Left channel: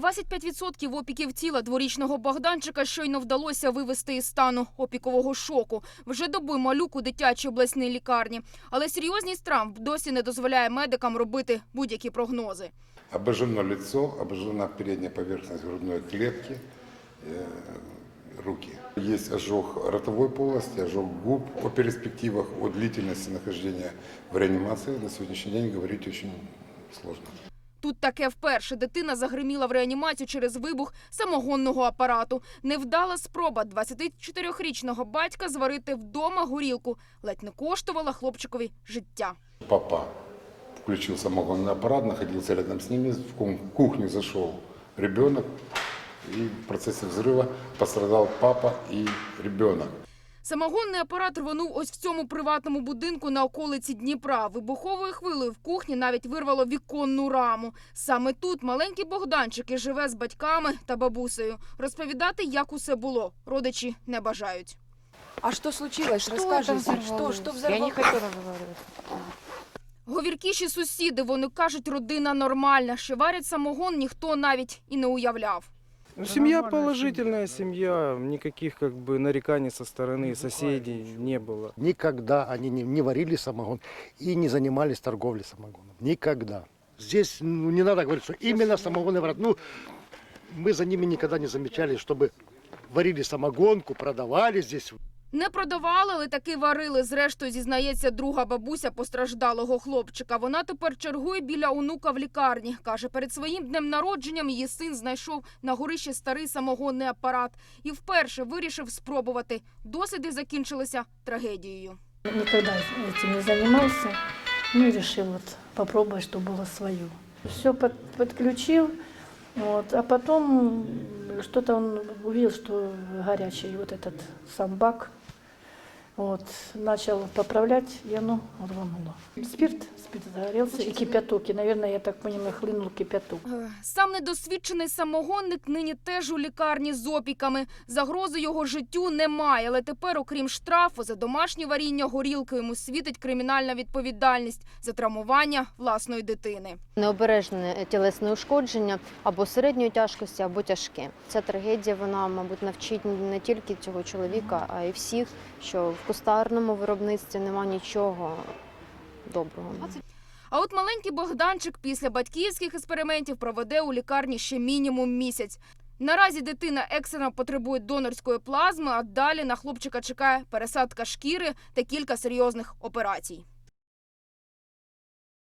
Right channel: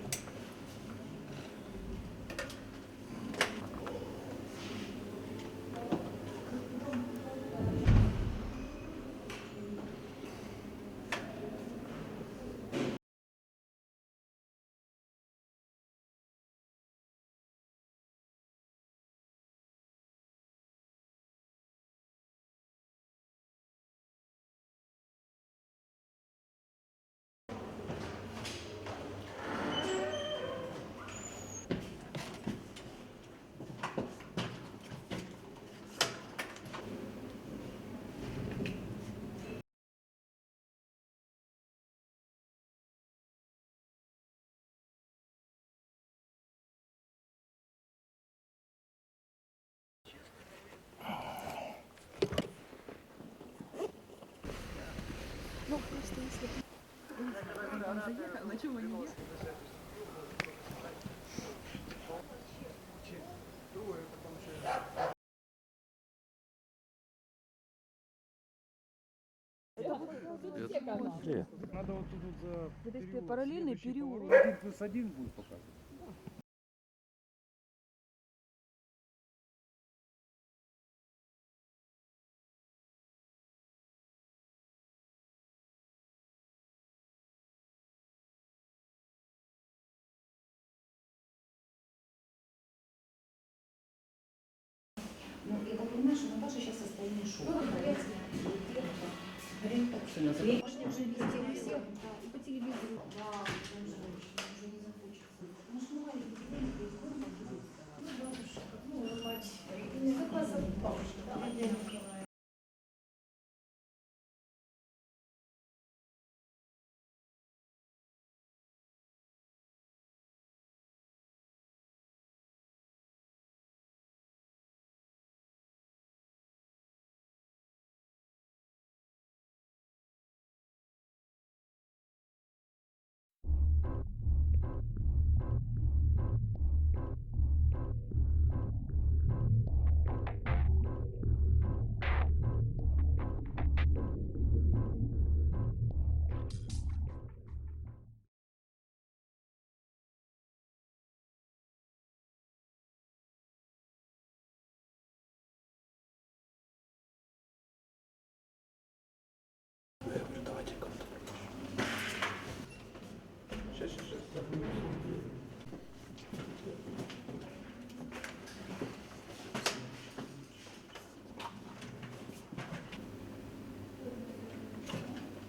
25% опіків тіла дворічного Богданчика щойно вдалося вивести із стану опікового шоку. Вже добу малюк у дитячій обласній лікарні. Але серйозність травм досі не дозволяє медикам робити будь-які прогнози. Обожжено лицо, обожжена передняя поверхность грудной клетки, э, руки. Есть ожог ротовой полости, ожог губ. О перспективах, о длительности нахождения в реанимации на сегодняшний день говорить очень сложно. Тут таке вперше дитина загриміла в реанімацію через вибух самогонного апарату. Невдала спроба 24-річного батька зварити вдома горілку. Ледь не коштувала хлопчикові життя. Папа включил самогонный аппарат, находился рядом с ними, в ку- кухню зашел ребенок, и в процессе взрыва пострадал папа и ребенок. Самогонний апарат рвонув ось в цьому приватному будинку на околиці Дніпра. Вибуховою хвилею в кухні навіть вирвало віконну раму. Саме тут маленький Богданчик і живе з батьками та бабусею. Розповідати, як усе було, родичі не бажають. А что случилось? Что Расскажите. это Что, Я не хочу разговаривать. Говіркіші сусіди, вони кажуть, родина нормальна. Що варять самогон, ніхто навіть і не уявляв. Ну, семья положительная семья, никаких как бы нареканий со стороны соседей не было. Никогда они не, не варили самогон и не занимались торговлей самогоном. Никогда. Здесь ну, не надо говорить, что именно самогонный врат. Ну, мы за ними никогда не замечали, чтобы варили самогонку, продавали здесь. Не продавали, але таки варили. Зрештою, зізнається друга бабуся постраждалого хлопчика. Вона тепер чергує біля онука в лікарні. Каже, перед своїм днем народженням її син знайшов на горищі старий самогонний апарат і вперше вирішив спробувати. Досліди закінчилися трагедією. Никогда этим не занимался. Ну и решил вот попробовать, что было. Все подключил, вот, а потом м, что-то он увидел, что горячий вот этот сам бак. Вот, начал поправлять, и оно рвануло. Спирт, спирт загорелся, и кипяток. И, наверное, я так понимаю, хлынул кипяток. Сам недосвідчений самогонник нині теж у лікарні з опіками. Загрози його життю немає, але тепер, окрім штрафу за домашнє варіння горілки, йому світить кримінальна відповідальність за травмування власної дитини. Необережне тілесне ушкодження або середньої тяжкості, або тяжке. Ця трагедія, вона, мабуть, навчить не тільки цього чоловіка, а й всіх, що в кустарному виробництві нема нічого доброго. А от маленький Богданчик після батьківських експериментів проведе у лікарні ще мінімум місяць. Наразі дитина екстрено потребує донорської плазми, а далі на хлопчика чекає пересадка шкіри та кілька серйозних операцій.